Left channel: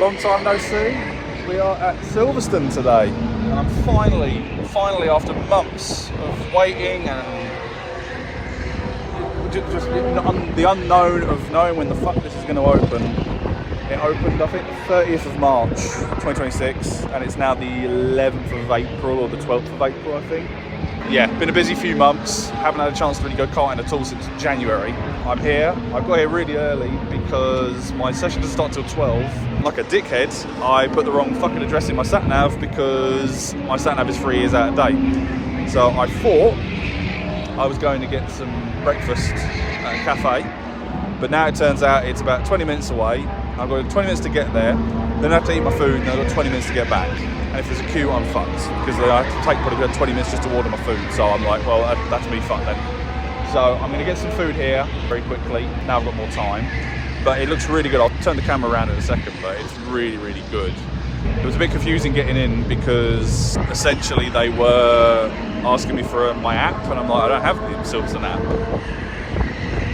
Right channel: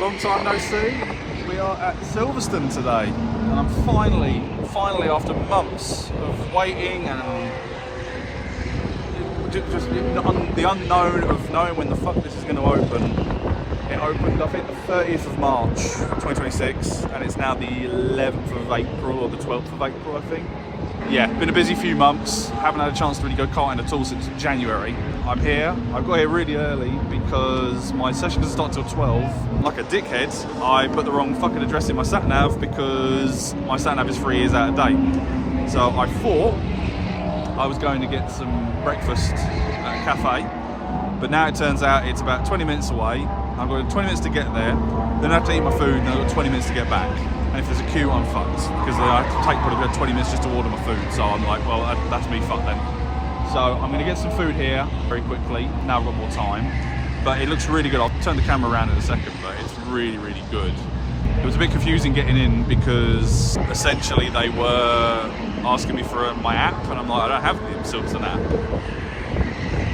Long time no see. We are at Silverstone today, and I'm finally after months of waiting and just the unknown of knowing when the fuck this is going to open. It opened, I think, the 30th of March 2026, and it's now the 11th of April or the 12th of April, I think. Yeah, been a busy few months. Haven't had a chance to really go karting at all since January. I'm here. I got here really early because my session doesn't start till 12. Like a dickhead, I put the wrong fucking address in my sat-nav because my sat-nav is 3 years out of date. So I thought I was going to get some breakfast at a cafe, but now it turns out it's about 20 minutes away. I've got 20 minutes to get there, then I have to eat my food, and I've got 20 minutes to get back. And if there's a queue, I'm fucked, because I have to take probably 20 minutes just to order my food. So I'm like, well, that's me fucked then. So I'm going to get some food here very quickly. Now I've got more time. But it looks really good. I'll turn the camera around in a second, but it's really, really good. It was a bit confusing getting in because essentially they were asking me for my app, and I'm like, I don't have the Silverstone app.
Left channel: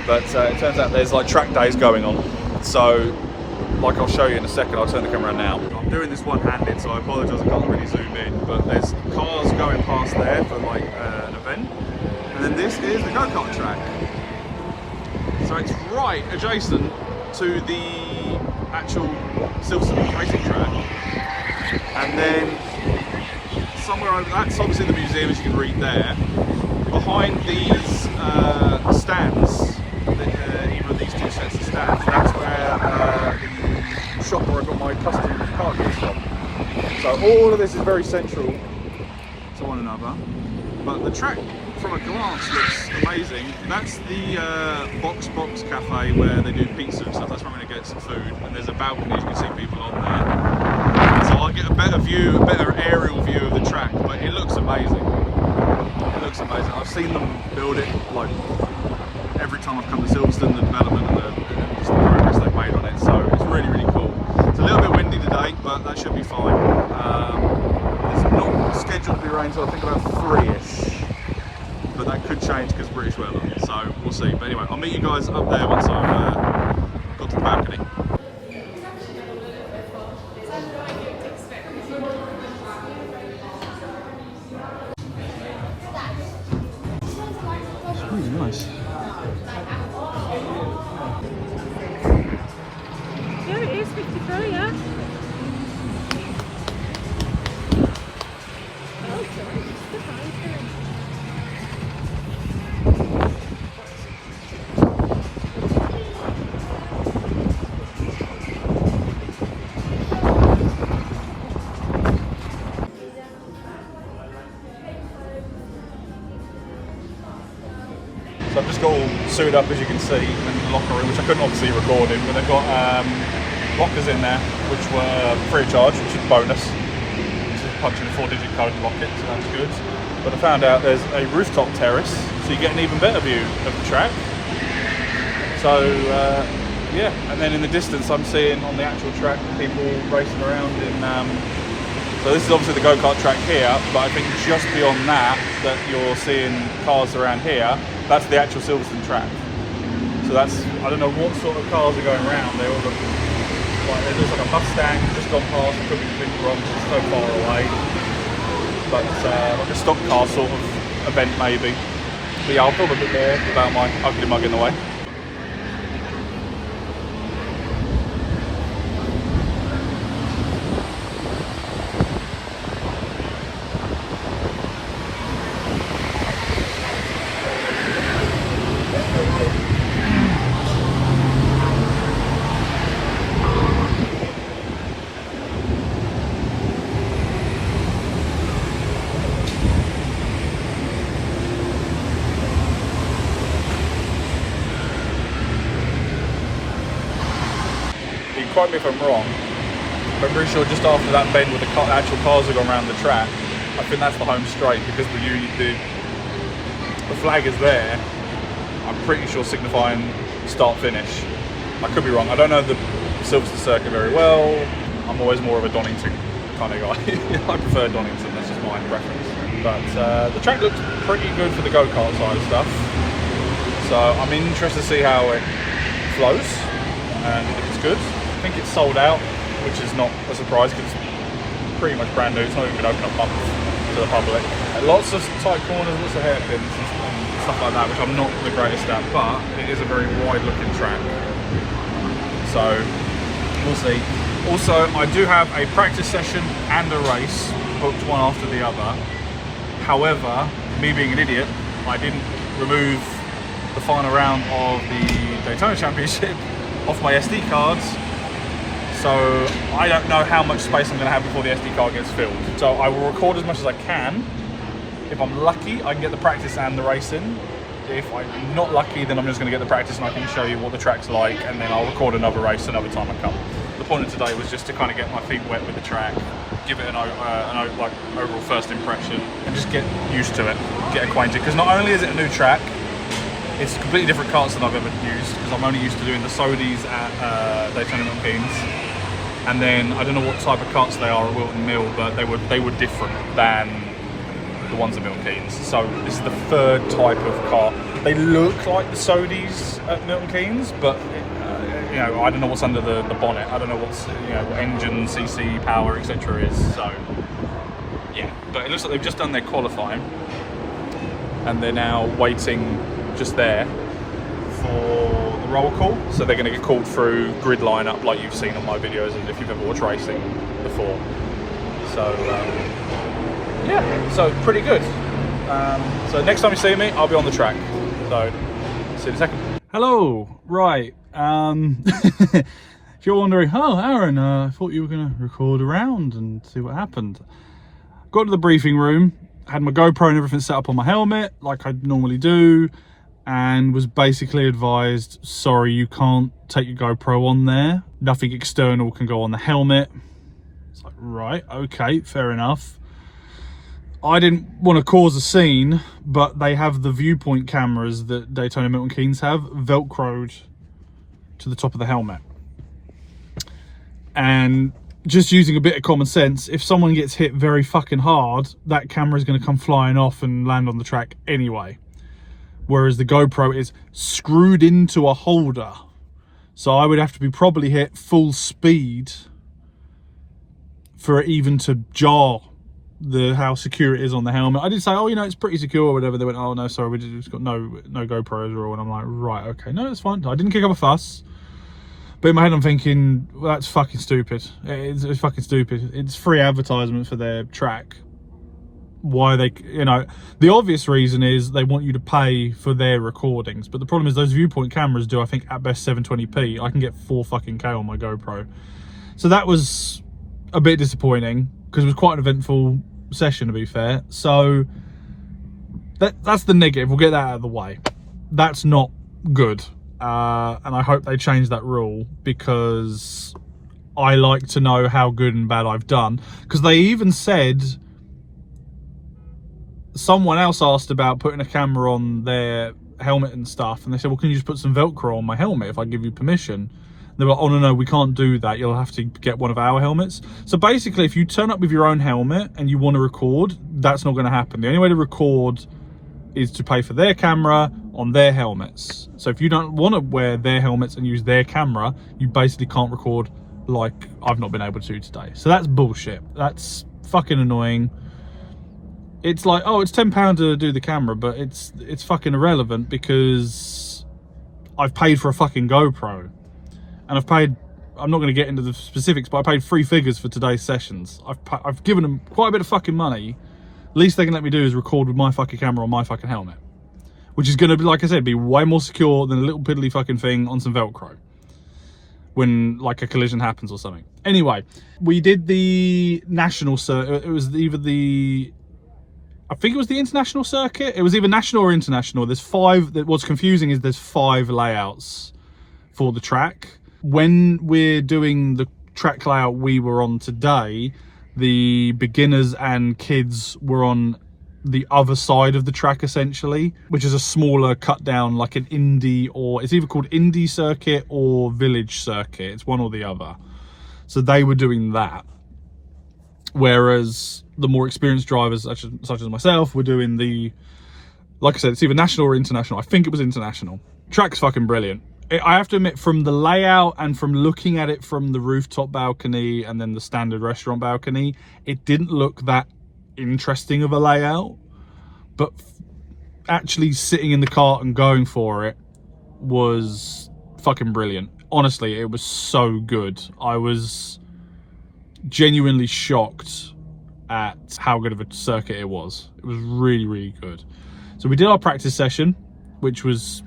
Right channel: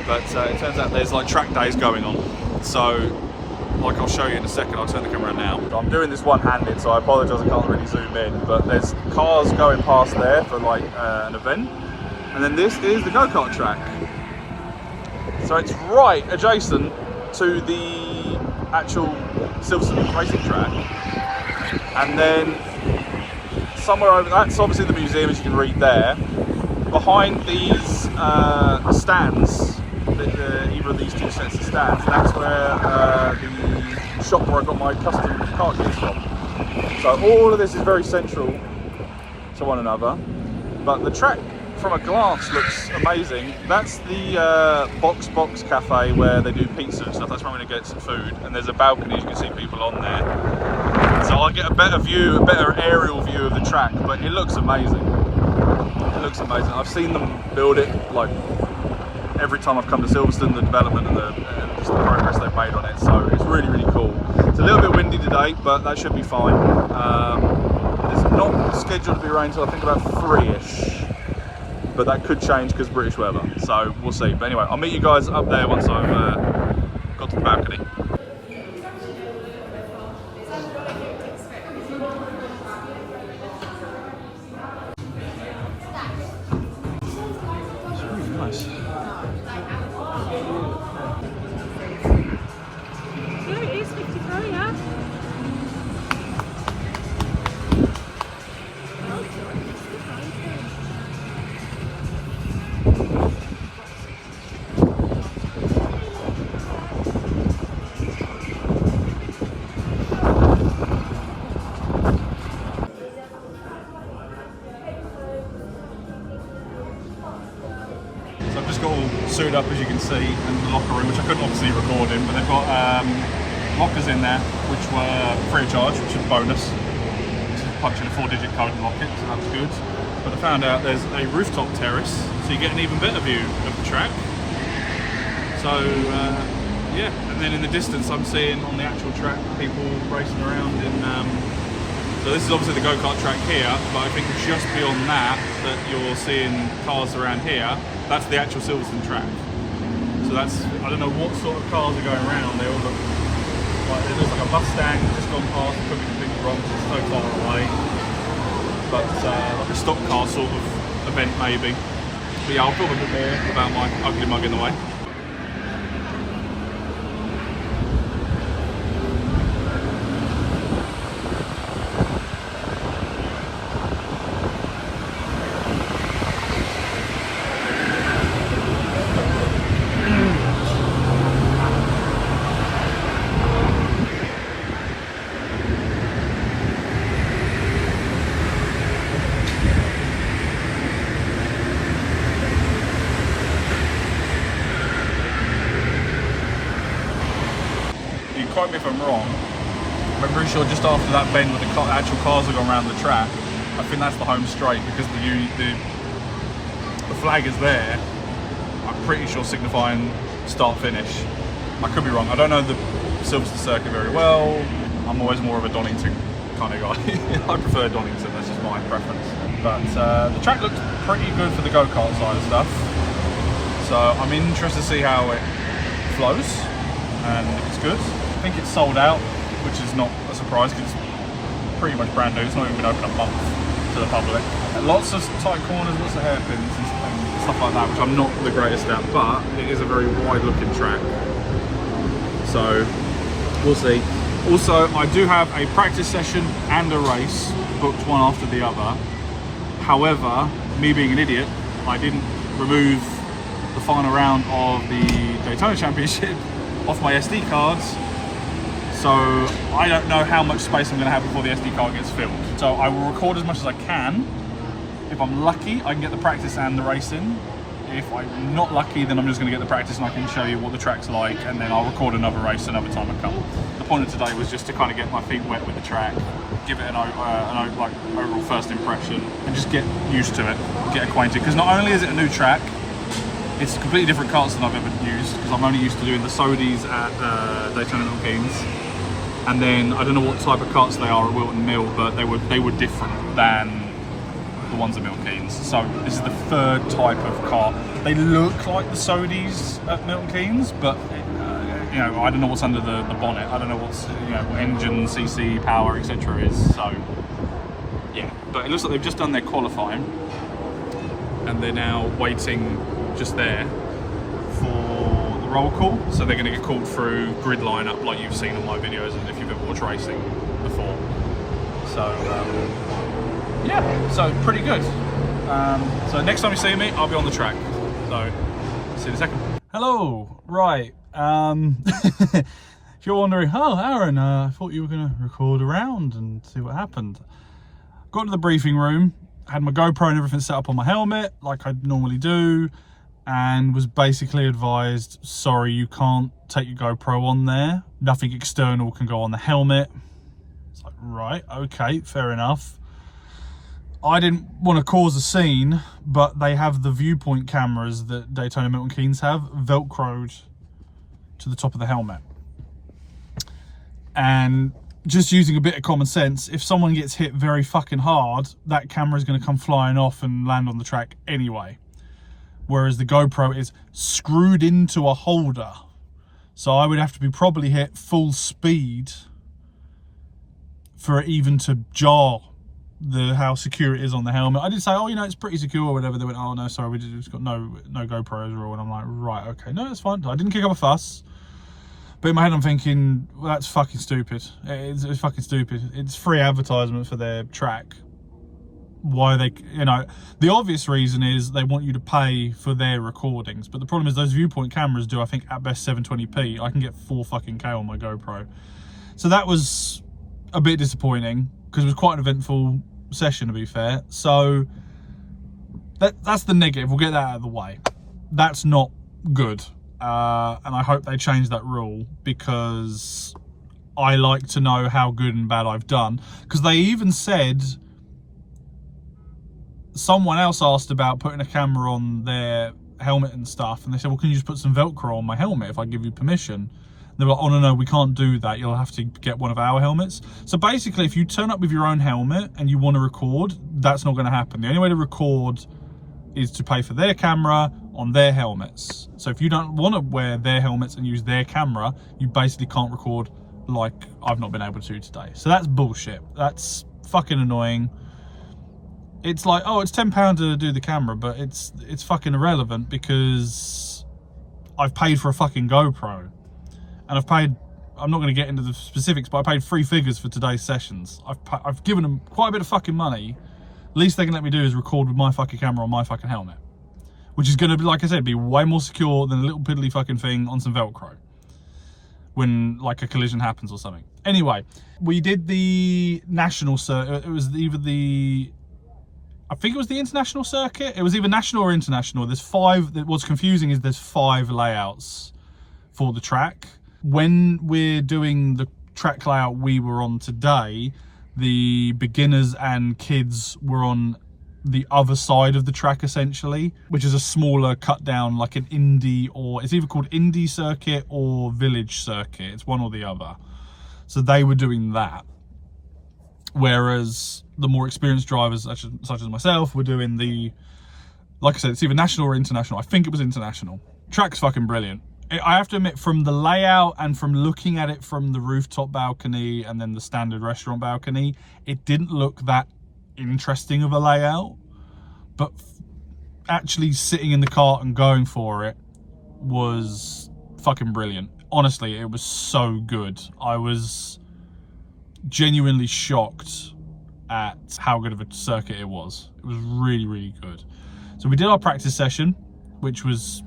But it turns out there's like track days going on. So, like I'll show you in a second, I'll turn the camera around now. I'm doing this one-handed, so I apologise I can't really zoom in, but there's cars going past there for like an event. And then this is the go-kart track. So it's right adjacent to the actual Silverstone racing track. And then somewhere over, that's obviously the museum, as you can read there. Behind these stands, either of these two sets of stands, that's where the shop where I got my custom kart keys from. So all of this is very central to one another. But the track, from a glance, looks amazing. That's the Box Cafe where they do pizza and stuff. That's where I'm going to get some food. And there's a balcony, you can see people on there. So I get a better view, a better aerial view of the track, but it looks amazing. It looks amazing. I've seen them build it, like, every time I've come to Silverstone, the development and the progress they've made on it. So it's really, really cool. It's a little bit windy today, but that should be fine. It's not scheduled to be rain until I think about 3ish. But that could change because British weather, so we'll see. But anyway, I'll meet you guys up there once I've got to the balcony. It's really nice. Yeah, it is 53, yeah. So I've just got all suited up, as you can see, in the locker room, which I couldn't obviously record in, but they've got lockers in there, which were free of charge, which is a bonus. This is punching a 4-digit code in Rocket, so that's good. But I found out there's a rooftop terrace, so you get an even better view of the track. So, yeah, and then in the distance I'm seeing on the actual track people racing around in... So this is obviously the go-kart track here, but I think just beyond that you're seeing cars around here, that's the actual Silverstone track. So that's, I don't know what sort of cars are going around. They all look like, it looks like a Mustang just gone past. It could be completely wrong because it's so far away. But like a stock car sort of event maybe. But yeah, I'll film a bit more without my ugly mug in the way. Quote me if I'm wrong, but I'm pretty sure just after that bend where the actual cars are going around the track, I think that's the home straight because the flag is there. I'm pretty sure signifying start finish. I could be wrong. I don't know the Silverstone circuit very well. I'm always more of a Donington kind of guy. I prefer Donington. That's just my preference. But the track looks pretty good for the go-kart side of stuff. So I'm interested to see how it flows, and it's good. I think it's sold out which is not a surprise because it's pretty much brand new. It's not even been opened up months to the public. Lots of tight corners, lots of hairpins and stuff like that, which I'm not the greatest at, but it is a very wide looking track. So we'll see. Also, I do have a practice session and a race booked one after the other. However, me being an idiot, I didn't remove the final round of the Daytona Championship off my SD cards. So I don't know how much space I'm going to have before the SD card gets filled. So I will record as much as I can. If I'm lucky, I can get the practice and the race in. If I'm not lucky, then I'm just going to get the practice and I can show you what the track's like, and then I'll record another race another time I come. The point of today was just to kind of get my feet wet with the track, give it an overall first impression, and just get used to it, get acquainted. Because not only is it a new track, it's completely different karts than I've ever used, because I'm only used to doing the Sodies at Daytona Milton Keynes. And then I don't know what type of karts they are at Wilton Mill, but they were different than the ones at Milton Keynes. So this is the third type of car. They look like the Sodies at Milton Keynes, but you know, I don't know what's under the bonnet. I don't know what's, you know, what engine, CC, power, etc. is. So yeah, but it looks like they've just done their qualifying, and they're now waiting just there for the roll call. So they're going to get called through grid lineup, like you've seen on my videos, and if you've ever watched racing before. So yeah, so pretty good. So next time you see me, I'll be on the track. So see you in a second. Hello, right. If you're wondering, oh Aaron, I thought you were going to record around and see what happened. Got to the briefing room, had my GoPro and everything set up on my helmet like I normally do, and was basically advised, sorry, you can't take your GoPro on there. Nothing external can go on the helmet. It's like, right, okay, fair enough. I didn't want to cause a scene, but they have the viewpoint cameras that Daytona Milton Keynes have velcroed to the top of the helmet. And just using a bit of common sense, if someone gets hit very fucking hard, that camera is going to come flying off and land on the track anyway. Whereas the GoPro is screwed into a holder. So I would have to be probably hit full speed for it even to jar how secure it is on the helmet. I did say, oh, you know, it's pretty secure or whatever. They went, oh no, sorry, we just got no GoPros or all. And I'm like, right, okay, no, that's fine. I didn't kick up a fuss. But in my head, I'm thinking, well, that's fucking stupid. It's fucking stupid. It's free advertisement for their track. Why they, you know, the obvious reason is they want you to pay for their recordings. But the problem is those viewpoint cameras do, I think, at best 720p. I can get 4 fucking K on my GoPro. So that was a bit disappointing, because it was quite an eventful session, to be fair. So that's the negative. We'll get that out of the way. That's not good. And I hope they change that rule, because I like to know how good and bad I've done. Because they even said, someone else asked about putting a camera on their helmet and stuff, and they said, well, can you just put some Velcro on my helmet if I give you permission? They were like, oh no, we can't do that, you'll have to get one of our helmets. So basically, if you turn up with your own helmet and you want to record, that's not going to happen. The only way to record is to pay for their camera on their helmets. So if you don't want to wear their helmets and use their camera, you basically can't record, like I've not been able to today. So that's bullshit. That's fucking annoying. It's like, oh, it's £10 to do the camera, but it's fucking irrelevant, because I've paid for a fucking GoPro. And I've paid, I'm not going to get into the specifics, but I paid 3 figures for today's sessions. I've given them quite a bit of fucking money. Least they can let me do is record with my fucking camera on my fucking helmet. Which is going to be, like I said, be way more secure than a little piddly fucking thing on some Velcro when, like, a collision happens or something. Anyway, we did the national circuit. It was either I think it was the international circuit. It was either national or international. There's 5. What's confusing is there's 5 layouts for the track. When we're doing the track layout we were on today, the beginners and kids were on the other side of the track, essentially, which is a smaller cut down, like an Indy, or it's either called Indy circuit or Village circuit. It's one or the other. So they were doing that. Whereas the more experienced drivers, such as myself, were doing the, like I said, it's either national or international. I think it was international. Track's fucking brilliant. I have to admit, from the layout and from looking at it from the rooftop balcony and then the standard restaurant balcony, it didn't look that interesting of a layout. But actually sitting in the cart and going for it was fucking brilliant. Honestly, it was so good. I was genuinely shocked at how good of a circuit it was. It was really, really good. So we did our practice session, which was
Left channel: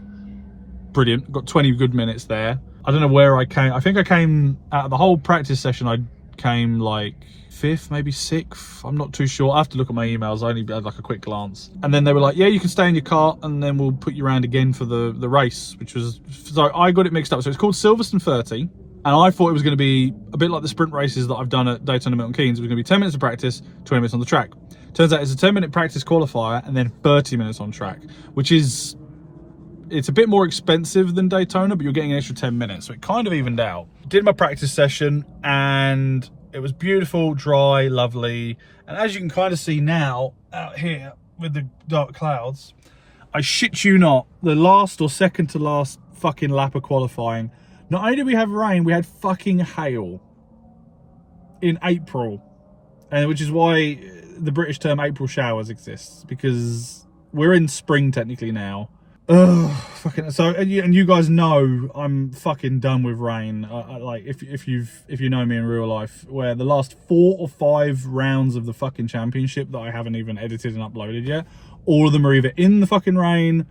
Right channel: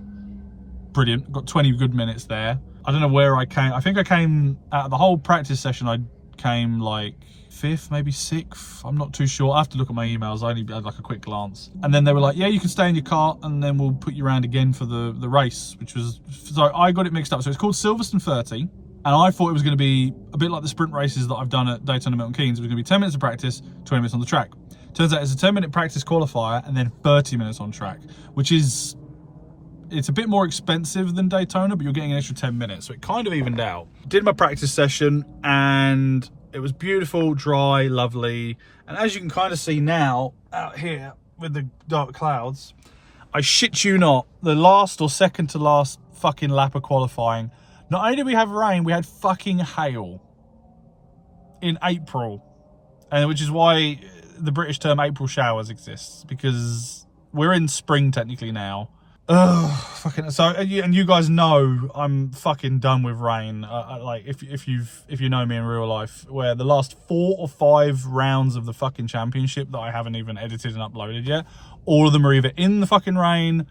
brilliant. Got 20 good minutes there. I don't know where I came. I think I came out of the whole practice session. I came like 5th, maybe 6th. I'm not too sure. I have to look at my emails. I only had like a quick glance. And then they were like, yeah, you can stay in your cart and then we'll put you around again for the race, which was, so I got it mixed up. So it's called Silverstone 30. And I thought it was going to be a bit like the sprint races that I've done at Daytona Milton Keynes. It was going to be 10 minutes of practice, 20 minutes on the track. Turns out it's a 10-minute practice qualifier and then 30 minutes on track, which is, it's a bit more expensive than Daytona, but you're getting an extra 10 minutes. So it kind of evened out. Did my practice session and it was beautiful, dry, lovely. And as you can kind of see now out here with the dark clouds, I shit you not, the last or second to last fucking lap of qualifying, not only did we have rain, we had fucking hail in April. And which is why the British term April showers exists, because we're in spring technically now. Ugh, fucking, so, and you guys know I'm fucking done with rain. Like if you know me in real life, where the last 4 or 5 rounds of the fucking championship that I haven't even edited and uploaded yet, all of them are either in the fucking rain,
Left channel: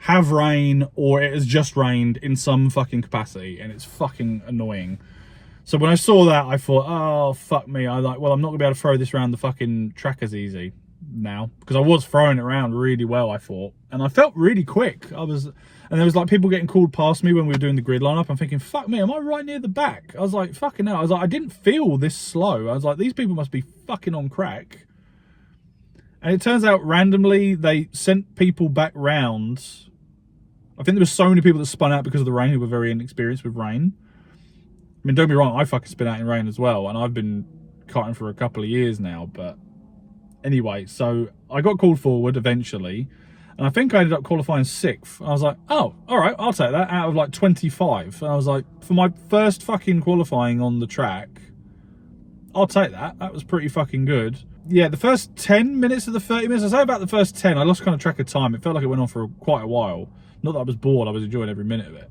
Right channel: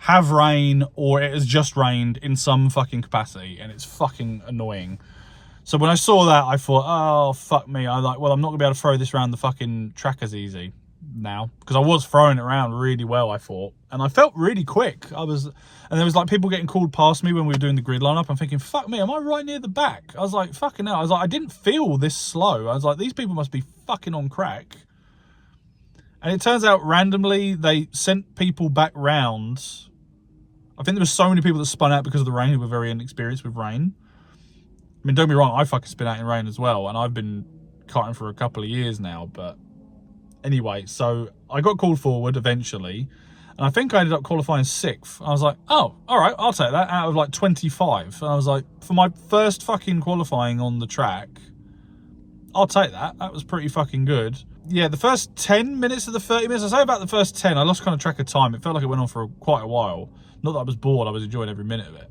have rain, or it has just rained in some fucking capacity, and it's fucking annoying. So when I saw that, I thought, oh fuck me. I was like, well, I'm not gonna be able to throw this around the fucking track as easy now, because I was throwing it around really well, I thought, and I felt really quick. And there was like people getting called past me when we were doing the grid lineup. I'm thinking, fuck me, am I right near the back? I was like, fucking hell. I was like, I didn't feel this slow. I was like, these people must be fucking on crack. And it turns out randomly they sent people back round. I think there were so many people that spun out because of the rain who were very inexperienced with rain. I mean, don't be wrong, I fucking spin out in rain as well, and I've been karting for a couple of years now, but anyway, so I got called forward eventually, and I think I ended up qualifying 6th. I was like, oh, all right, I'll take that out of like 25. And I was like, for my first fucking qualifying on the track, I'll take that. That was pretty fucking good. Yeah, the first 10 minutes of the 30 minutes, I say about the first 10, I lost kind of track of time. It felt like it went on for quite a while. Not that I was bored, I was enjoying every minute of it.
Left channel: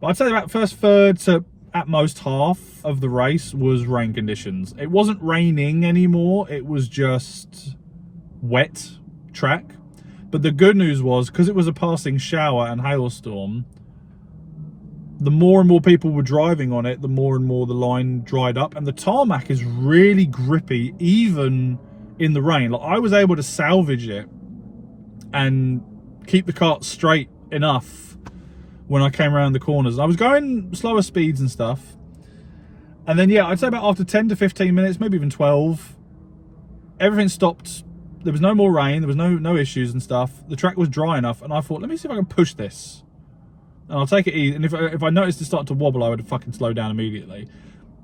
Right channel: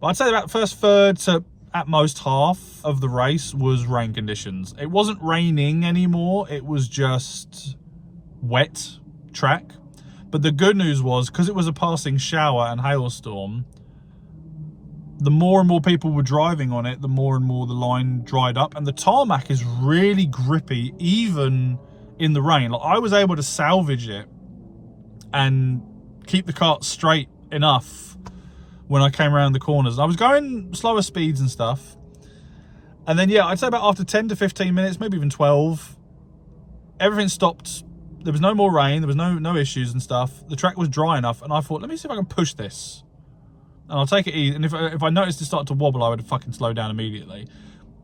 But I'd say about first third to at most half of the race was rain conditions. It wasn't raining anymore, it was just wet track. But the good news was, because it was a passing shower and hailstorm, the more and more people were driving on it, the more and more the line dried up, and the tarmac is really grippy even in the rain. Like, I was able to salvage it and keep the kart straight enough when I came around the corners. And I was going slower speeds and stuff. And then, yeah, I'd say about after 10 to 15 minutes, maybe even 12, everything stopped. There was no more rain. There was no issues and stuff. The track was dry enough. And I thought, let me see if I can push this. And I'll take it easy. And if I noticed it start to wobble, I would fucking slow down immediately.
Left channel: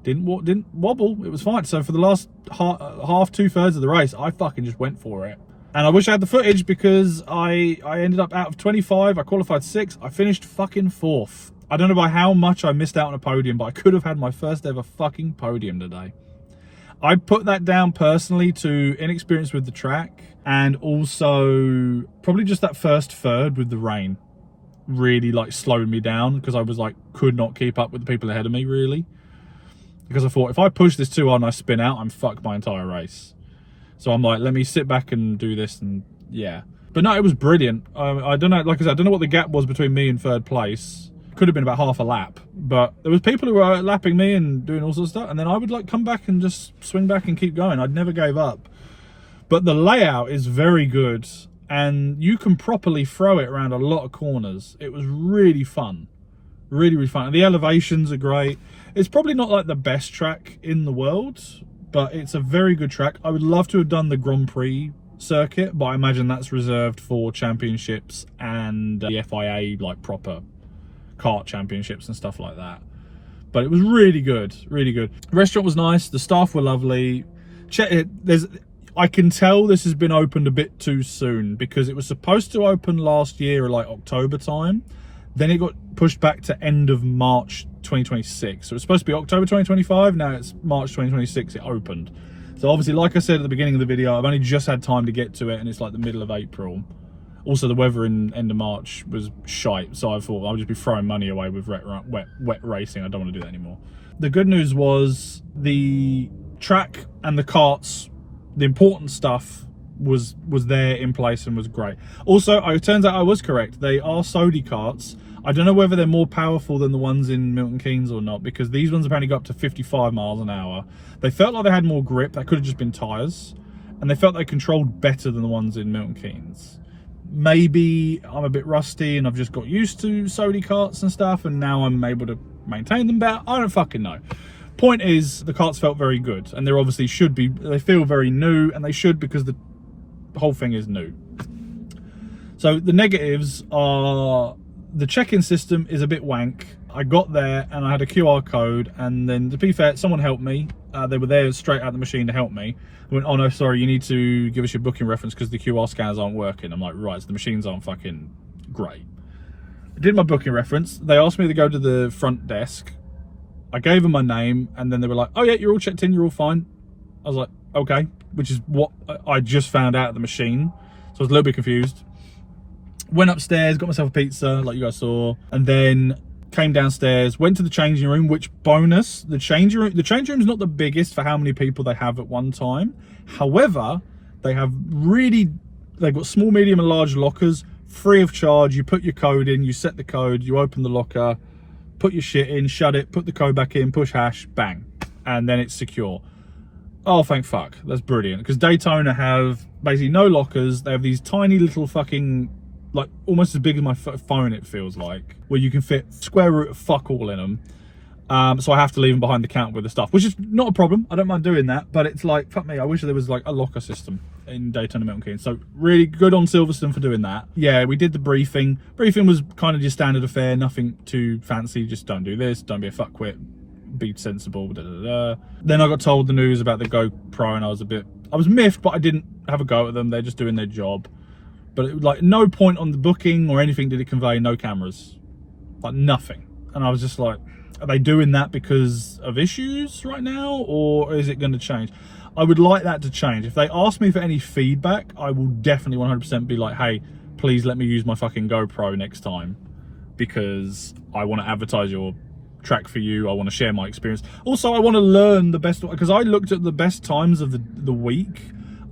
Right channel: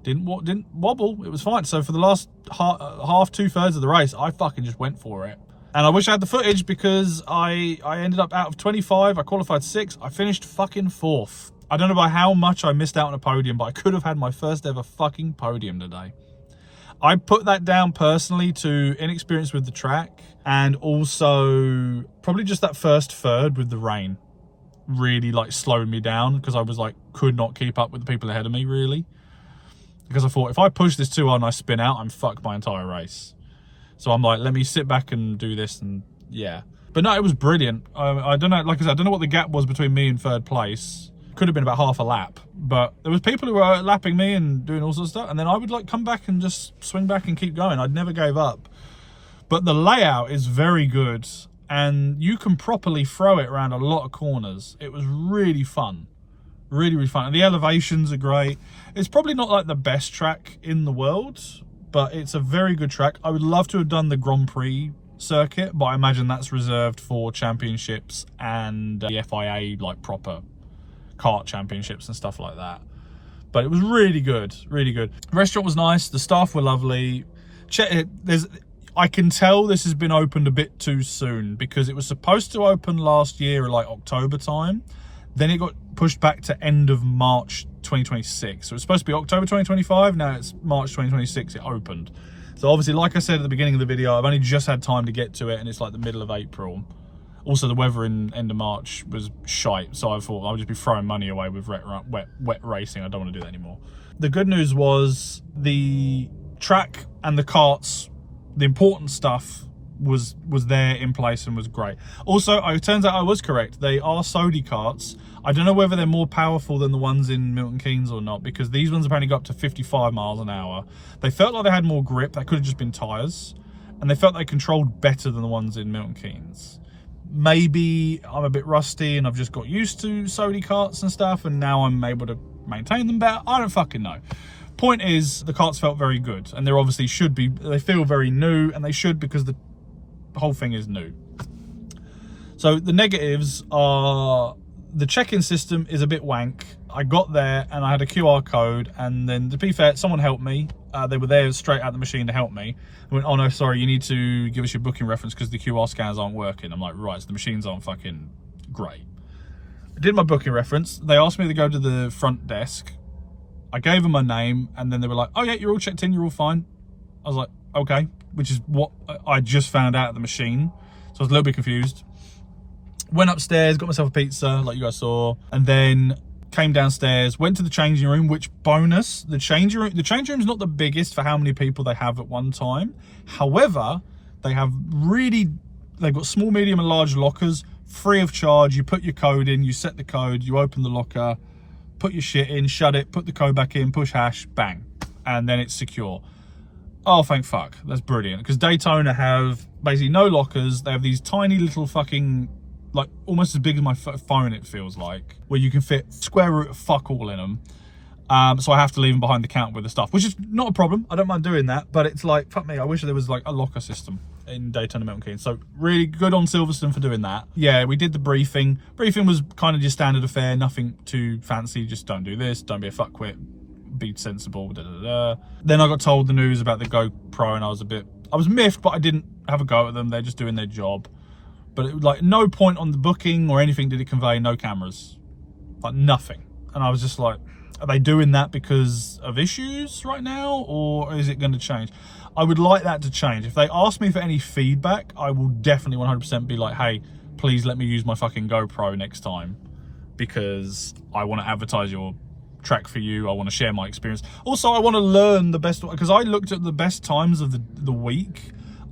Didn't wobble. It was fine. So for the last half, 2/3 of the race, I fucking just went for it. And I wish I had the footage, because I ended up out of 25. I qualified 6th. I finished fucking 4th. I don't know by how much I missed out on a podium, but I could have had my first ever fucking podium today. I put that down personally to inexperience with the track, and also probably just that first third with the rain really like slowed me down, because I was like, could not keep up with the people ahead of me really. Because I thought, if I push this too hard and I spin out, I'm fucked my entire race. So I'm like, let me sit back and do this, and yeah. But no, it was brilliant. I don't know, like I said, I don't know what the gap was between me and third place. Could have been about half a lap. But there was people who were lapping me and doing all sorts of stuff, and then I would like come back and just swing back and keep going. I'd never gave up. But the layout is very good, and you can properly throw it around a lot of corners. It was really fun. Really, really fun. And the elevations are great. It's probably not like the best track in the world, but it's a very good track. I would love to have done the Grand Prix circuit, but I imagine that's reserved for championships and the FIA, like proper kart championships and stuff like that. But it was really good, really good. The restaurant was nice. The staff were lovely. Check it. I can tell this has been opened a bit too soon, because it was supposed to open last year, like October time. Then it got pushed back to end of March 2026. So it's supposed to be October 2025. Now it's March 2026 it opened. So obviously, like I said at the beginning of the video, I've only just had time to get to it, and it's like the middle of April. Also, the weather in end of March was shite, so I thought I'll just be throwing money away with wet racing. I don't want to do that anymore. The good news was the track and the karts, the important stuff was there in place and was great. Also, it turns out I was correct. They are Sodi karts. I don't know whether they're more powerful than the ones in Milton Keynes or not, because these ones apparently go up to 55 miles an hour. They felt like they had more grip. That could have just been tyres. And they felt they controlled better than the ones in Milton Keynes. Maybe I'm a bit rusty and I've just got used to Sodi karts and stuff, and now I'm able to maintain them better. I don't fucking know. Point is, the karts felt very good, and they obviously should be. They feel very new, and they should, because the whole thing is new. So the negatives are the check-in system is a bit wank. I got there and I had a QR code, and then, to be fair, someone helped me. They were there straight out the machine to help me. I went, oh no, sorry, you need to give us your booking reference because the QR scanners aren't working. I'm like, right, so the machines aren't fucking great. I did my booking reference. They asked me to go to the front desk. I gave them my name, and then they were like, oh yeah, you're all checked in, you're all fine. I was like, okay, which is what I just found out at the machine. So I was a little bit confused. Went upstairs, got myself a pizza, like you guys saw, and then came downstairs, went to the changing room, which bonus, the changing room is not the biggest for how many people they have at one time. However, they've got small, medium and large lockers, free of charge. You put your code in, you set the code, you open the locker, put your shit in, shut it, put the code back in, push hash, bang, and then it's secure. Oh, thank fuck, that's brilliant. Because Daytona have basically no lockers. They have these tiny little fucking, like almost as big as my phone, it feels like, where you can fit square root of fuck all in them. So I have to leave them behind the counter with the stuff, which is not a problem. I don't mind doing that, but it's like, fuck me, I wish there was like a locker system in Daytona Milton Keynes. So really good on Silverstone for doing that. Yeah, we did the briefing. Briefing was kind of just standard affair, nothing too fancy. Just don't do this, don't be a fuckwit, be sensible, da, da, da. Then I got told the news about the GoPro, and I was miffed, but I didn't have a go at them. They're just doing their job. But it was like, no point on the booking or anything did it convey no cameras, like nothing. And I was just like, are they doing that because of issues right now, or is it going to change? I would like that to change. If they ask me for any feedback, I will definitely 100% be like, hey, please let me use my fucking GoPro next time, because I want to advertise your track for you. I want to share my experience. Also, I want to learn the best, because I looked at the best times of the week.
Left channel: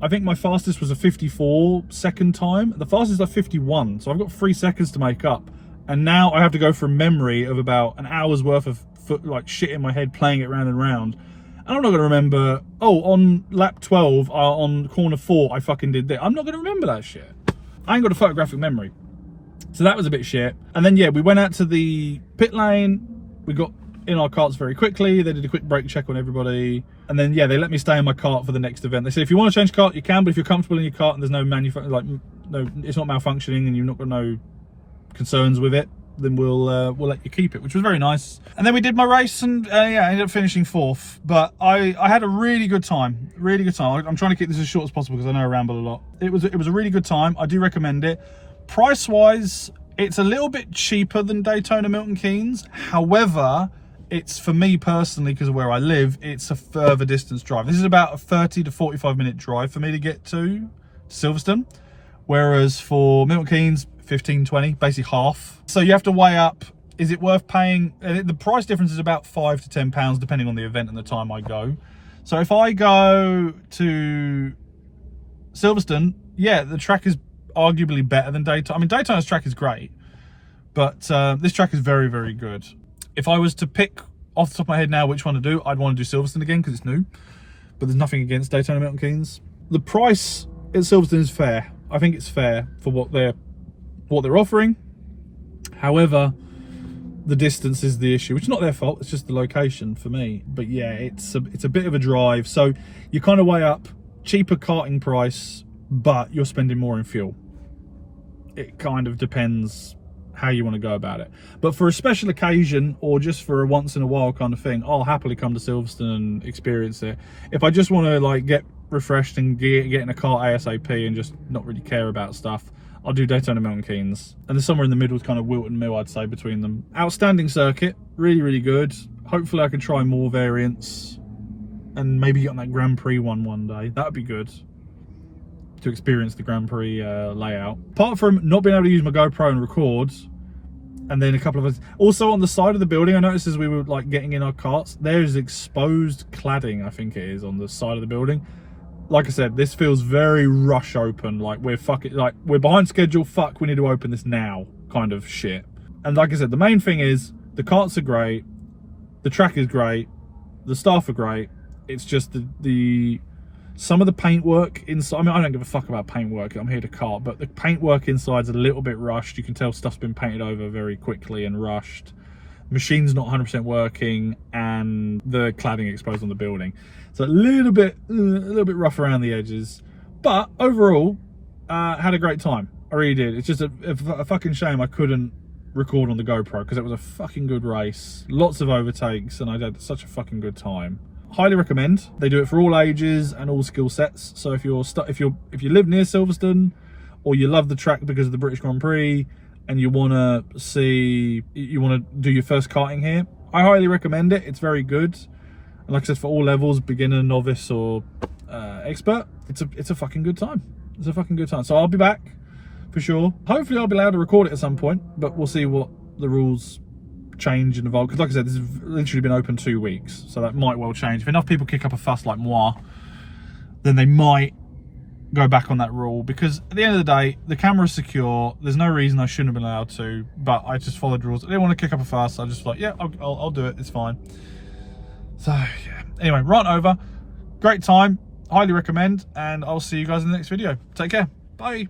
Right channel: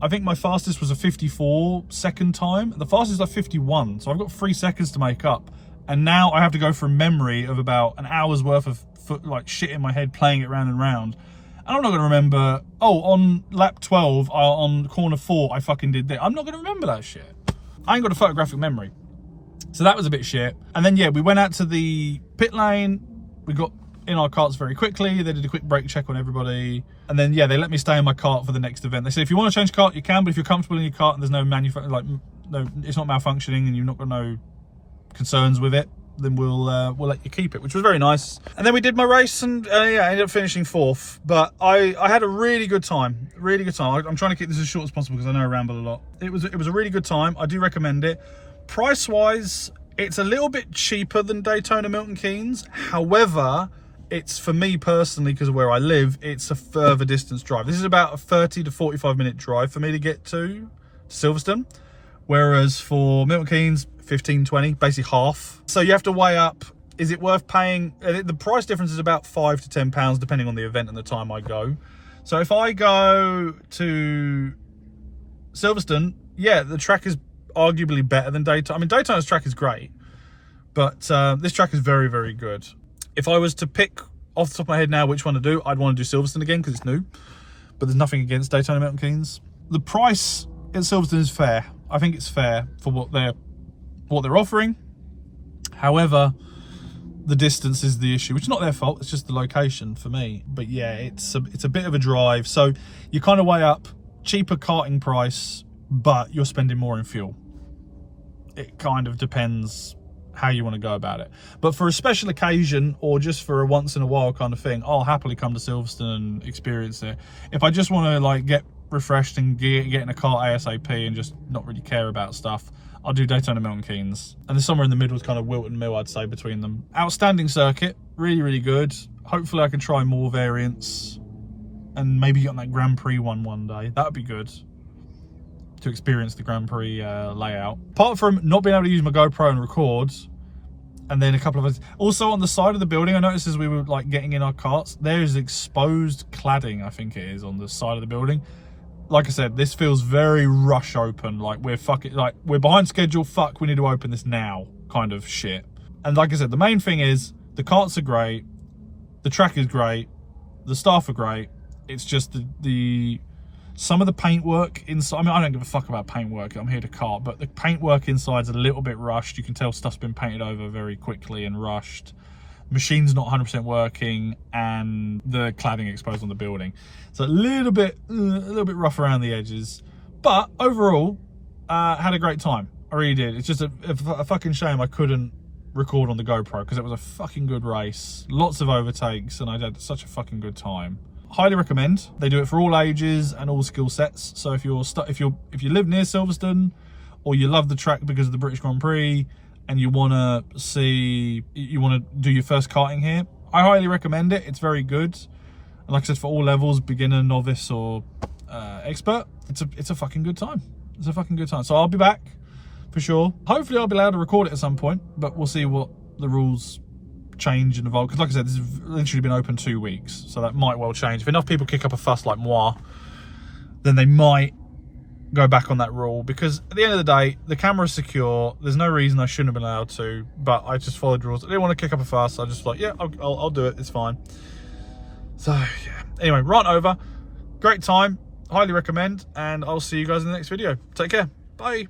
I think my fastest was a 54-second time. The fastest is like 51, so I've got 3 seconds to make up. And now I have to go from memory of about an hour's worth of like shit in my head, playing it round and round. And I'm not going to remember, oh, on lap 12, on corner 4, I fucking did that. I'm not going to remember that shit. I ain't got a photographic memory. So that was a bit shit. And then, yeah, we went out to the pit lane. We got in our karts very quickly. They did a quick brake check on everybody. And then, yeah, they let me stay in my kart for the next event. They said, if you want to change kart, you can, but if you're comfortable in your kart and there's no it's not malfunctioning and you've not got no concerns with it, then we'll let you keep it, which was very nice. And then we did my race, and yeah, I ended up finishing 4th. But I had a really good time, I'm trying to keep this as short as possible because I know I ramble a lot. It was a really good time. I do recommend it. Price wise, it's a little bit cheaper than Daytona Milton Keynes. However, it's, for me personally, because of where I live, it's a further distance drive. This is about a 30 to 45 minute drive for me to get to Silverstone, whereas for Milton Keynes, 15, 20, basically half. So you have to weigh up, is it worth paying? The price difference is about £5 to £10 depending on the event and the time I go. So if I go to Silverstone, yeah, the track is arguably better than Daytona. I mean, Daytona's track is great, but this track is very, very good. If I was to pick off the top of my head now which one to do, I'd want to do Silverstone again because it's new, but there's nothing against Daytona Milton Keynes. The price at Silverstone is fair. I think it's fair for what they're offering. However, the distance is the issue, which is not their fault. It's just the location for me. But yeah, it's a bit of a drive. So you kind of weigh up cheaper karting price, but you're spending more in fuel. It kind of depends how you want to go about it. But for a special occasion, or just for a once in a while kind of thing, I'll happily come to Silverstone and experience it. If I just want to like get refreshed and get in a car ASAP and just not really care about stuff, I'll do Daytona Milton Keynes. And there's somewhere in the middle, kind of Wilton Mill, I'd say, between them. Outstanding circuit, really, really good. Hopefully I can try more variants and maybe get on that Grand Prix one day. That'd be good to experience the Grand Prix layout. Apart from not being able to use my GoPro and record, and then a couple of others. Also on the side of the building, I noticed as we were like getting in our carts, there is exposed cladding, I think it is, on the side of the building. Like I said, this feels very rush open, like we're behind schedule, fuck, we need to open this now kind of shit. And like I said, the main thing is the carts are great, the track is great, the staff are great. It's just the some of the paintwork inside. I mean, I don't give a fuck about paintwork, I'm here to kart, but the paintwork inside's a little bit rushed. You can tell stuff's been painted over very quickly and rushed. Machine's not 100% working, and the cladding exposed on the building. So a little bit rough around the edges, but overall, had a great time. I really did. It's just a fucking shame I couldn't record on the GoPro, because it was a fucking good race, lots of overtakes, and I had such a fucking good time. Highly recommend. They do it for all ages and all skill sets. So if you live near Silverstone, or you love the track because of the British Grand Prix, and you want to do your first karting here, I highly recommend it. It's very good. And like I said, for all levels, beginner, novice, or expert, it's a fucking good time. It's a fucking good time. So I'll be back for sure. Hopefully I'll be allowed to record it at some point, but we'll see what the rules change and evolve. Because like I said, this has literally been open 2 weeks, so that might well change. If enough people kick up a fuss like moi, then they might go back on that rule, because at the end of the day, the camera's secure. There's no reason I shouldn't have been allowed to, but I just followed the rules. I didn't want to kick up a fuss. I just like, yeah, I'll do it. It's fine. So yeah. Anyway, rant over. Great time. Highly recommend, and I'll see you guys in the next video. Take care. Bye.